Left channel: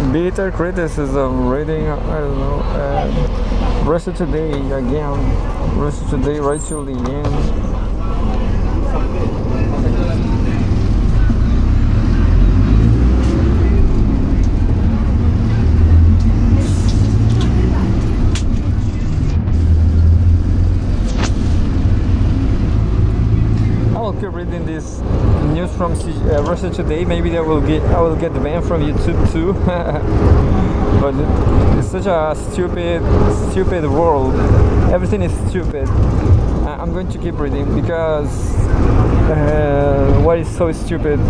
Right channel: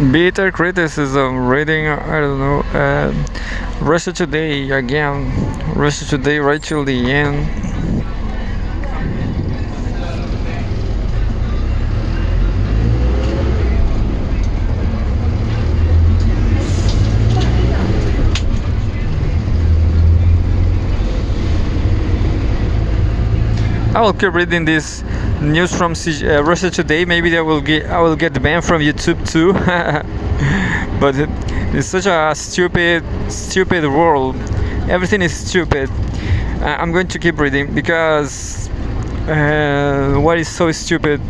Bitter criticism, reading, I don't know, Russia Today again, Russia Today right till the end. I will keep reading this news from Russia Today. Maybe I will get banned from YouTube too. But it's such a stupid world. Everything is stupid. I'm going to keep reading because what is so stupid?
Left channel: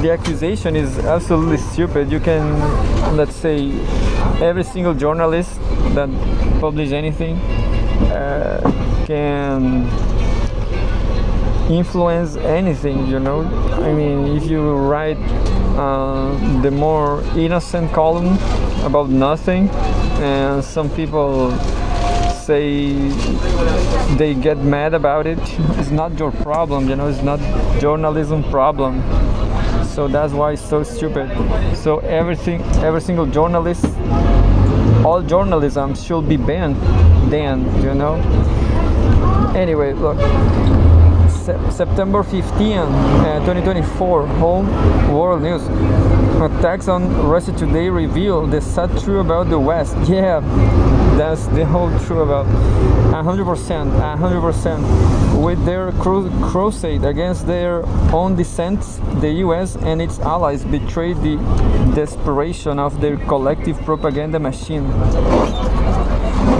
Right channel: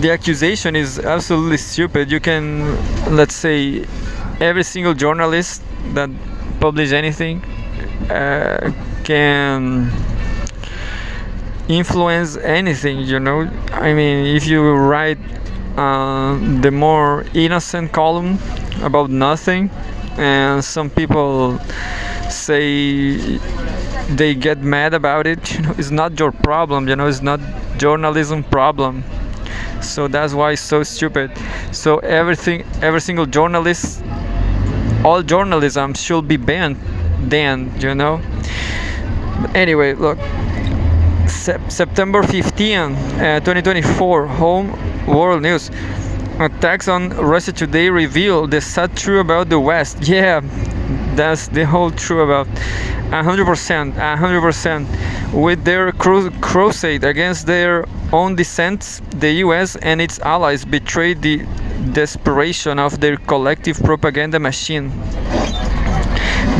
The accusation is absolutely stupid. You can, let's say, every single journalist that publish anything can influence anything, I mean, if you write the more innocent column about nothing and some people say they get mad about it, it's not your problem, it's not journalism problem. So that's why it's so stupid. So every single journalist, all journalism should be banned then, Anyway, look, September 15, 2024, Home World News. Attacks on Russia Today reveal the sad truth about the West. Yeah, that's the whole truth about 100%. With their crusade against their own dissent, the US and its allies betrayed the desperation of their collective propaganda machine.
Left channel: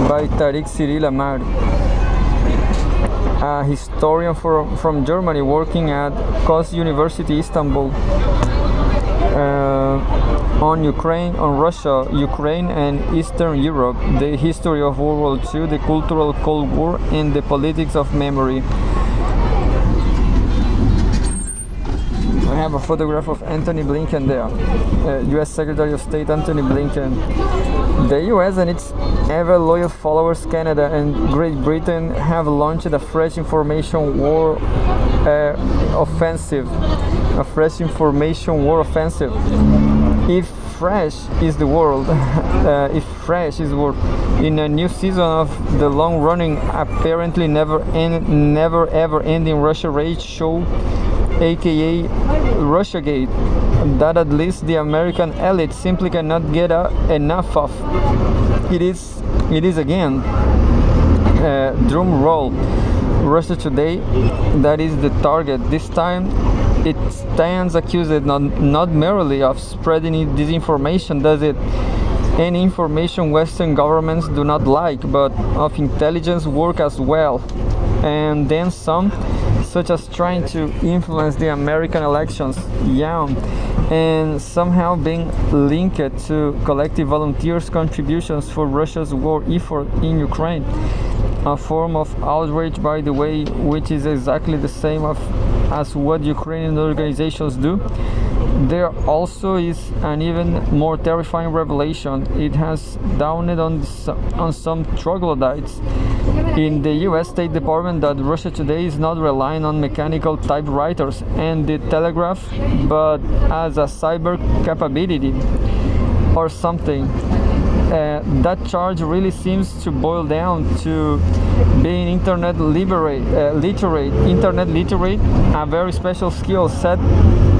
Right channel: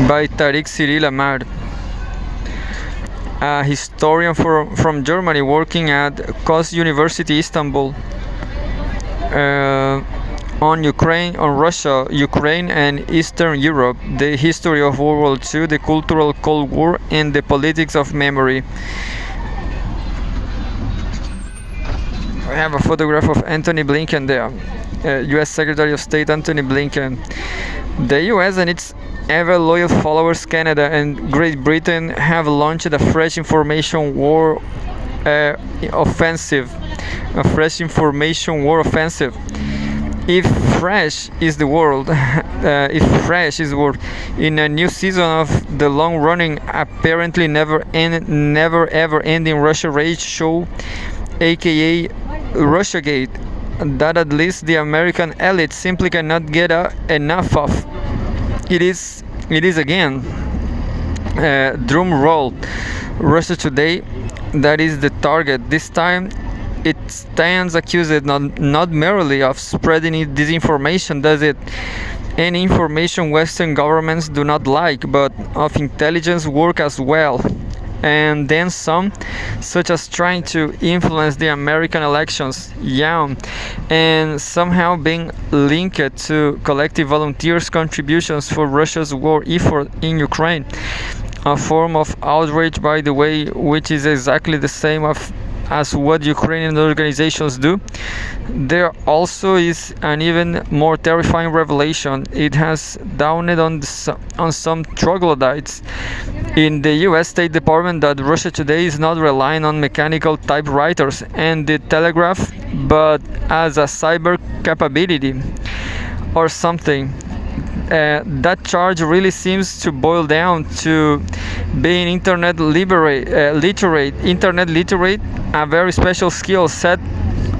By Tariq Cyril Ahmad, a historian from Germany working at KOS University Istanbul, on Ukraine, on Russia, Ukraine and Eastern Europe, the history of World War II, the cultural Cold War, and the politics of memory. I have a photograph of Antony Blinken there, US Secretary of State Antony Blinken. The US and its ever loyal followers, Canada and Great Britain, have launched a fresh information war offensive. If fresh is the word, in a new season of the long-running, apparently never ever ending Russia Rage show, aka Russiagate, that at least the American elite simply cannot get enough of. It is again, drum roll, Russia Today, that is the target. This time it stands accused not merely of spreading disinformation, does it? Any information Western governments do not like, but of intelligence work as well. And then some, such as trying to influence the American elections, and somehow being linked to collective volunteers' contributions for Russia's war effort in Ukraine. A form of outrage, by the way, which is exactly the same as what Ukrainian organizations do. There also is an even more terrifying revelation. It has dawned on some troglodytes in the US State Department that Russia Today is not relying on mechanical typewriters and the telegraph, but as a cyber capability or something. That charge really seems to boil down to being internet literate, a very special skill set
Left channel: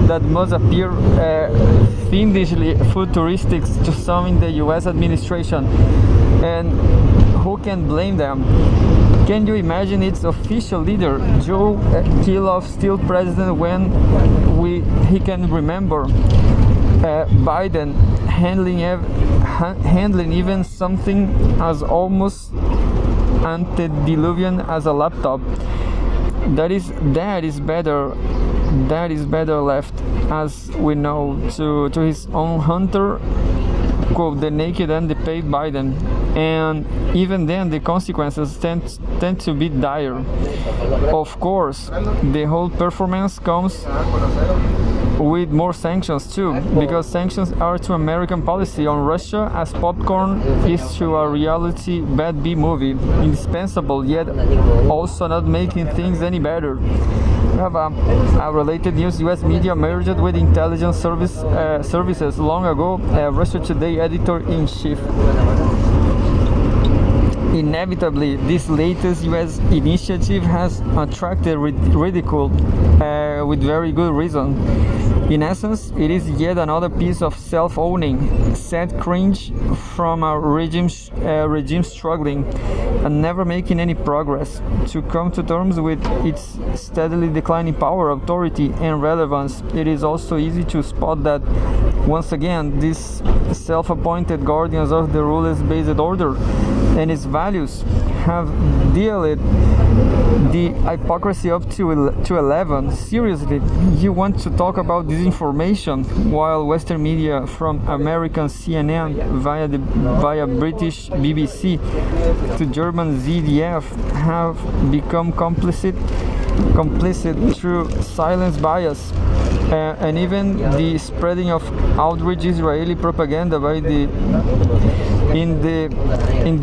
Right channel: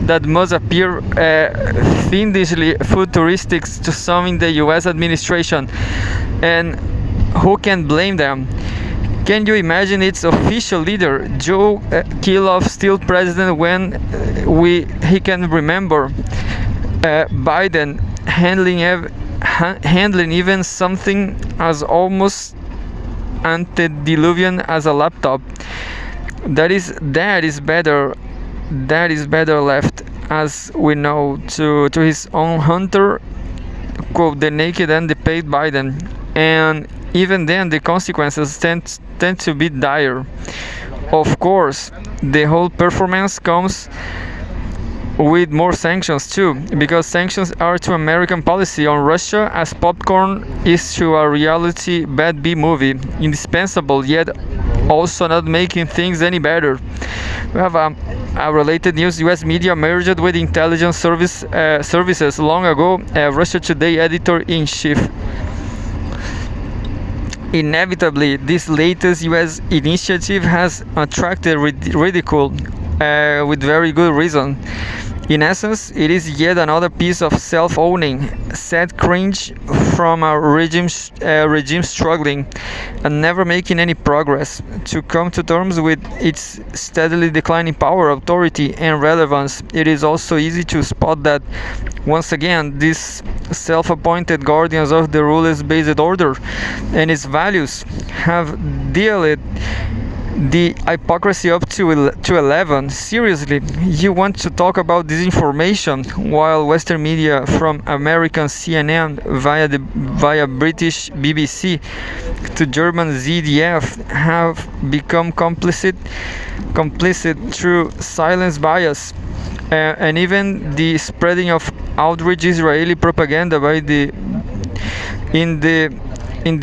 that must appear fiendishly futuristic to some in the US administration. And who can blame them? Can you imagine its official leader, Joe Kiloff, still president when he can remember? Biden handling even something as almost antediluvian as a laptop. That is better left, as we know, to his own hunter, quote, the naked and the paid Biden. And even then the consequences tend to be dire. Of course, the whole performance comes with more sanctions too, because sanctions are to American policy on Russia as popcorn is to a reality bad B movie, indispensable yet also not making things any better. We have a related news. U.S. media merged with intelligence services long ago. Russia Today editor-in-chief. Inevitably, this latest U.S. initiative has attracted ridicule with very good reason. In essence, it is yet another piece of self-owning, sad cringe from a regime struggling and never making any progress to come to terms with its steadily declining power, authority, and relevance. It is also easy to spot that, once again, these self-appointed guardians of the rules-based order and its values have dealt the hypocrisy up to 11. Seriously, you want to talk about disinformation while Western media, from American CNN via British BBC to German ZDF, have become complicit through silence bias and even the spreading of outrage Israeli propaganda in the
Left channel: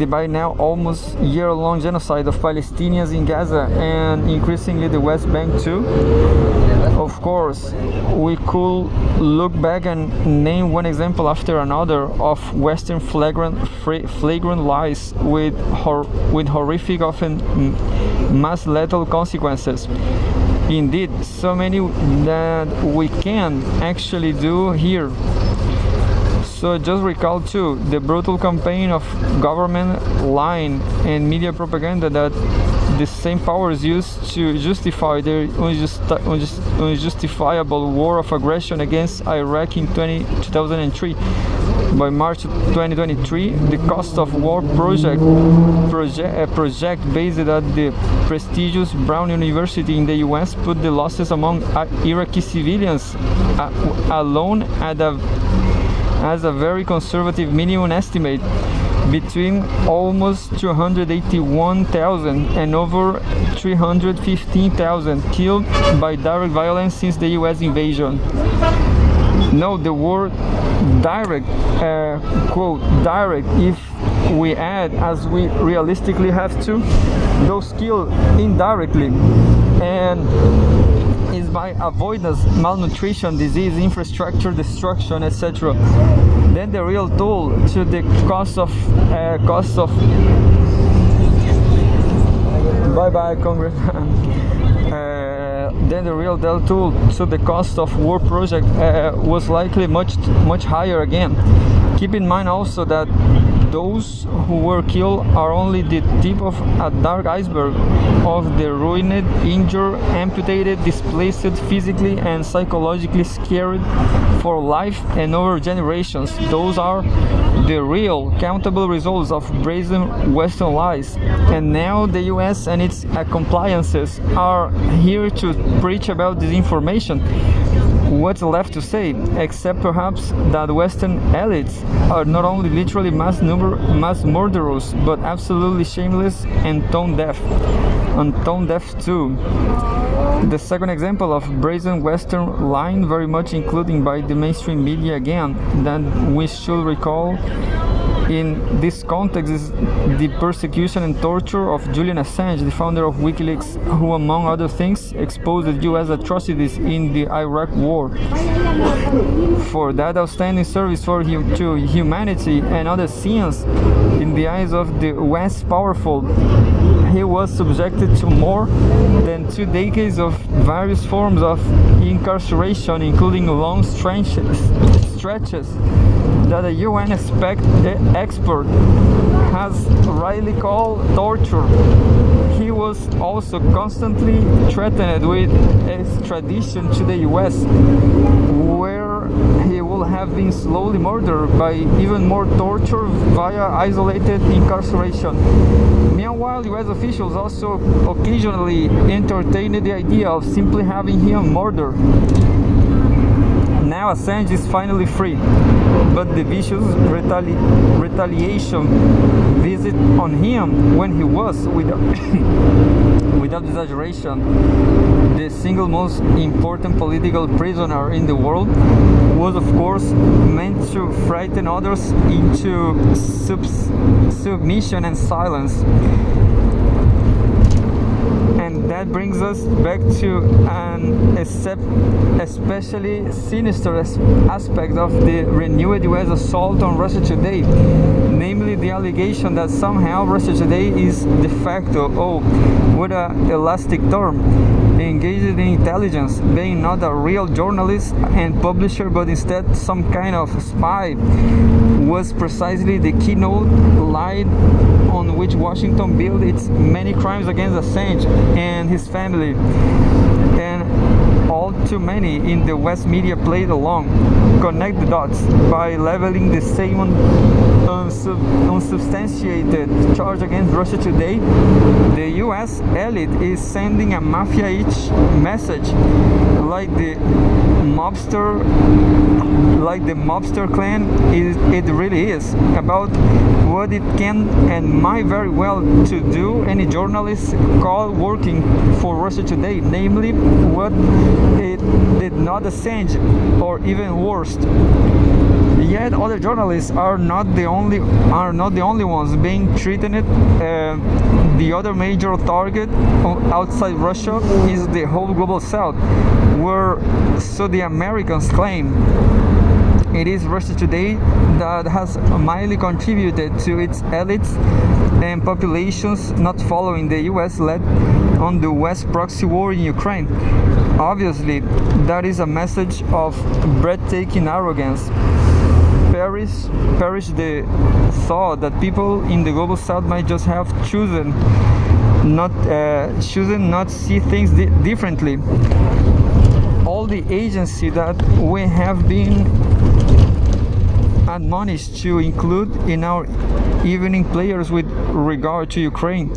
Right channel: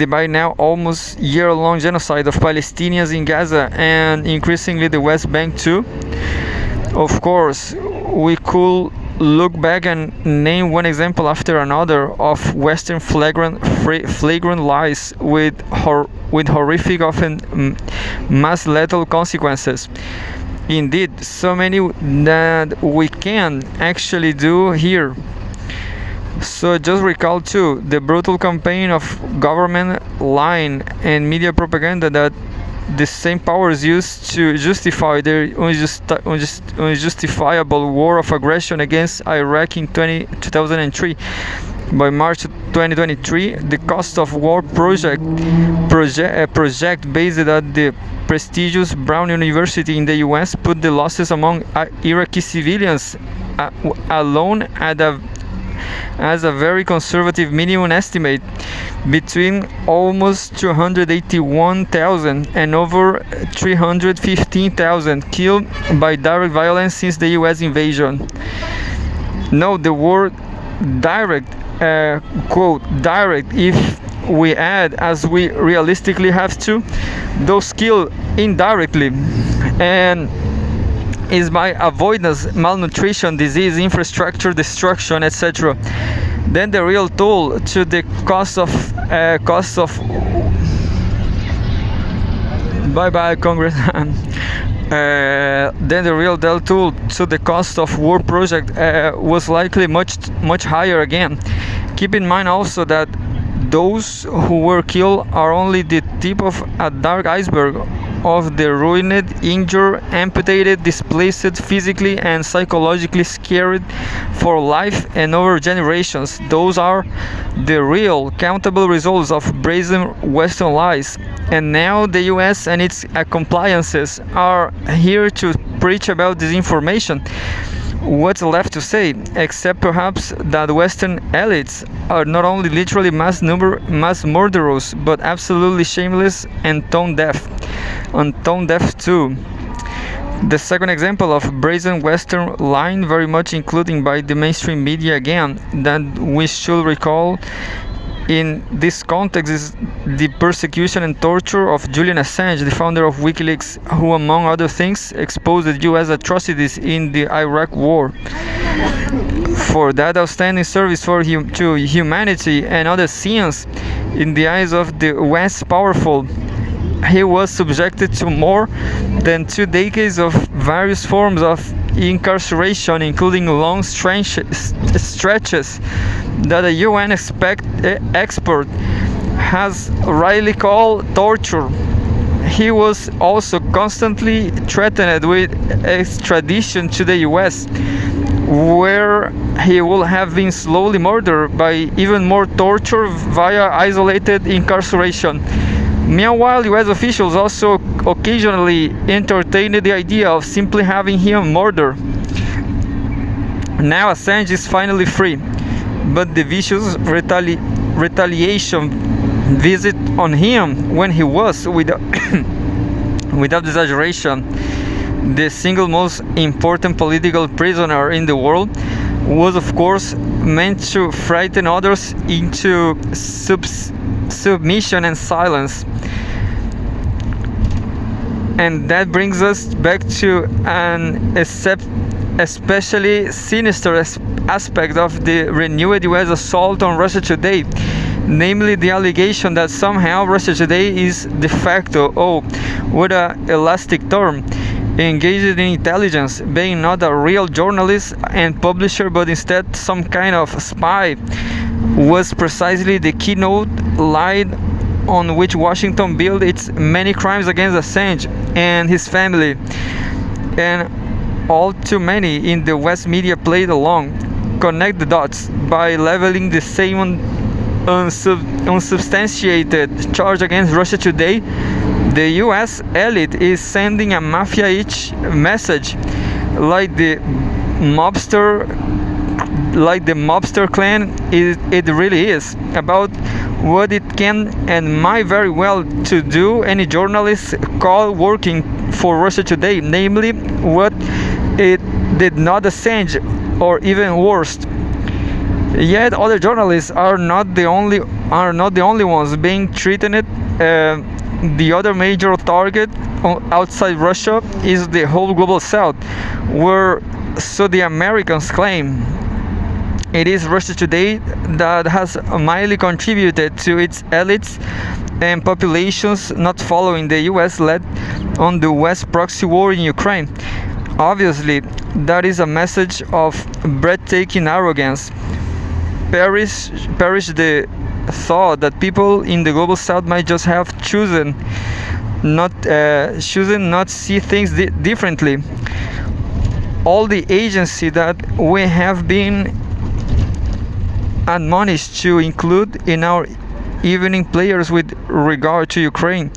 by now almost year-long genocide of Palestinians in Gaza and increasingly the West Bank too. Of course, we could look back and name one example after another of Western flagrant lies with horrific, often mass lethal consequences. Indeed, so many that we can actually do here. So just recall too the brutal campaign of government lying and media propaganda that the same powers used to justify their unjustifiable war of aggression against Iraq in 2003. By March 2023, the Cost of War project based at the prestigious Brown University in the US put the losses among Iraqi civilians alone as a very conservative minimum estimate between almost 281,000 and over 315,000 killed by direct violence since the US invasion. Note the word direct, quote, direct, if we add, as we realistically have to, those killed indirectly, and is by avoidance, malnutrition, disease, infrastructure destruction, etc. Then the real toll to the cost of bye Congressman. Then the real toll to the cost of war project was likely much higher again. Keep in mind also that those who were killed are only the tip of a dark iceberg of the ruined, injured, amputated, displaced, physically and psychologically scared for life and over generations. Those are the real countable results of brazen Western lies. And now the US and its compliances are here to preach about disinformation. What's left to say, except perhaps that Western elites are not only literally mass murderers, but absolutely shameless and tone deaf too. The second example of brazen Western lying, very much including by the mainstream media again, that we should recall in this context is the persecution and torture of Julian Assange, the founder of WikiLeaks, who among other things exposed the US atrocities in the Iraq War. For that outstanding service to humanity and other sins in the eyes of the West powerful, he was subjected to more than 2 decades of various forms of incarceration, including long stretches that a UN expert has rightly called torture. He was also constantly threatened with extradition to the US, where he would have been slowly murdered by even more torture via isolated incarceration. Meanwhile, US officials also occasionally entertained the idea of simply having him murdered. Now Assange is finally free, but the vicious retaliation visit on him when he was, without exaggeration, the single most important political prisoner in the world, was of course meant to frighten others into submission and silence. And that brings us back to an especially sinister aspect of the renewed US assault on Russia Today, namely the allegation that somehow Russia Today is de facto, oh, what a elastic term, engaged in intelligence, being not a real journalist and publisher but instead some kind of spy, was precisely the keynote line on which Washington built its many crimes against Assange and his family. And all too many in the West media played along, connect the dots by leveling the same unsubstantiated charge against Russia Today. The US elite is sending a mafia-ish message, like the mobster clan it really is, about what it can and might very well to do any journalist caught working for Russia Today, namely what it did not Assange, or even worse. Yet other journalists are not the only ones being threatened. The other major target outside Russia is the whole global south, where, so the Americans claim, it is Russia Today that has mildly contributed to its elites and populations not following the US led on the West proxy war in Ukraine. Obviously, that is a message of breathtaking arrogance. Perish the thought that people in the global south might just have chosen not see things differently. All the agency that we have been admonished to include in our evening players with regard to Ukraine.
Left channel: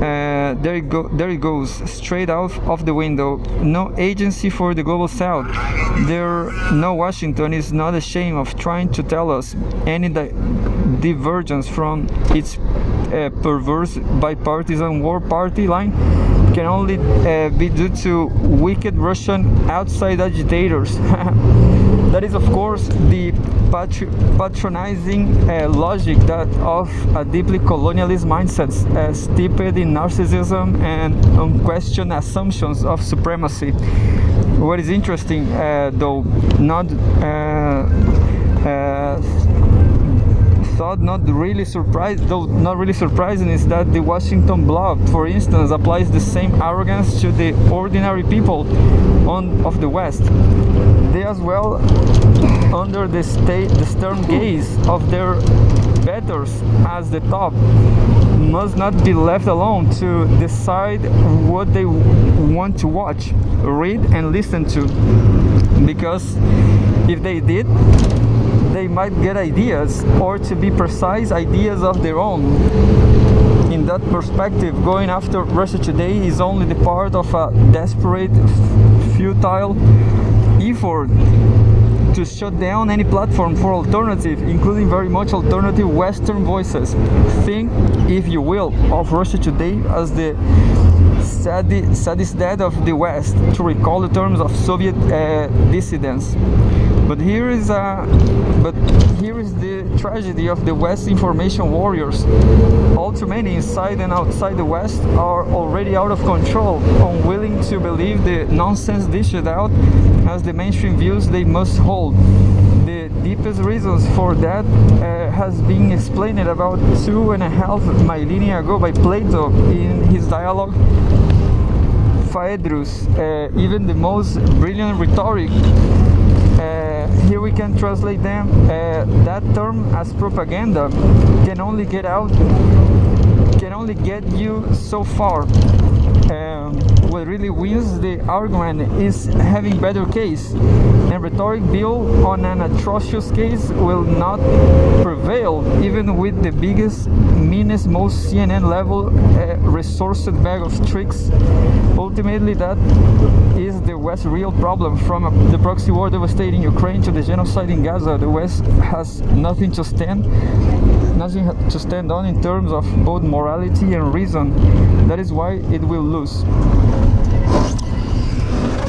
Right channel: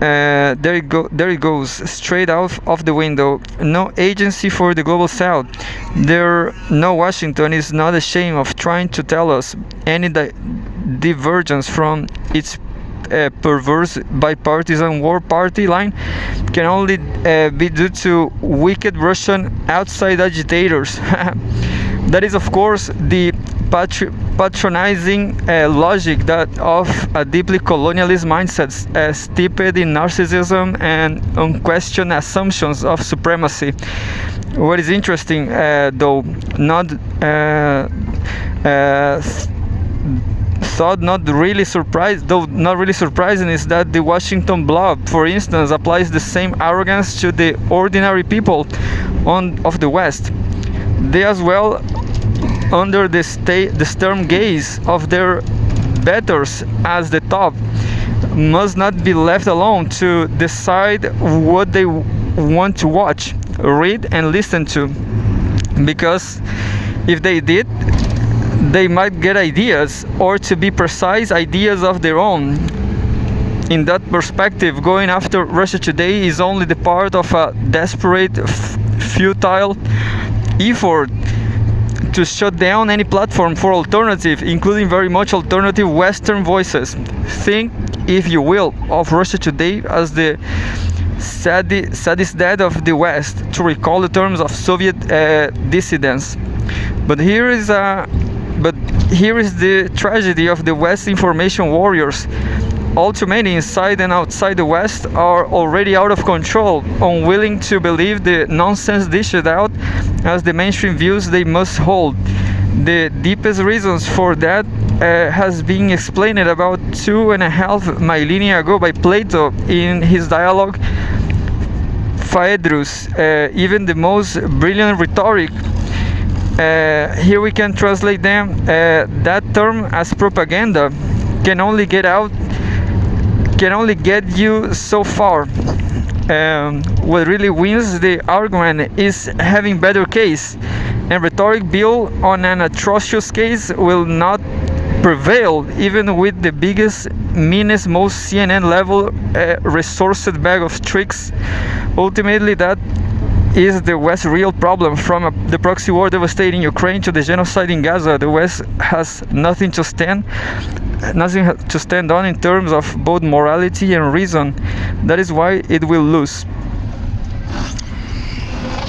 There it goes, straight out of the window. No agency for the global south. No Washington is not ashamed of trying to tell us any divergence from its perverse bipartisan war party line can only be due to wicked Russian outside agitators. That is, of course, the patronizing logic that of a deeply colonialist mindset steeped in narcissism and unquestioned assumptions of supremacy. What is interesting, though not really surprising, is that the Washington Blob, for instance, applies the same arrogance to the ordinary people of the West. They as well, under the stern gaze of their betters as the top, must not be left alone to decide what they want to watch, read and listen to, because if they did, they might get ideas, or to be precise, ideas of their own. In that perspective, going after Russia Today is only the part of a desperate, futile effort to shut down any platform for alternative, including very much alternative Western voices. Think, if you will, of Russia Today as the saddest dead of the West, to recall the terms of Soviet dissidents. But here is the tragedy of the West information warriors. All too many inside and outside the West are already out of control, unwilling to believe the nonsense dished out as the mainstream views they must hold. The deepest reasons for that has been explained about 2.5 millennia ago by Plato in his dialogue Phaedrus. Even the most brilliant rhetoric, here we can translate them, that term as propaganda can only get you so far. What really wins the argument is having better case, and rhetoric built on an atrocious case will not prevail, even with the biggest, meanest, most CNN level resourced bag of tricks. Ultimately, that is the West's real problem. From the proxy war devastating Ukraine to the genocide in Gaza, the West has nothing to stand on in terms of both morality and reason. That is why it will lose.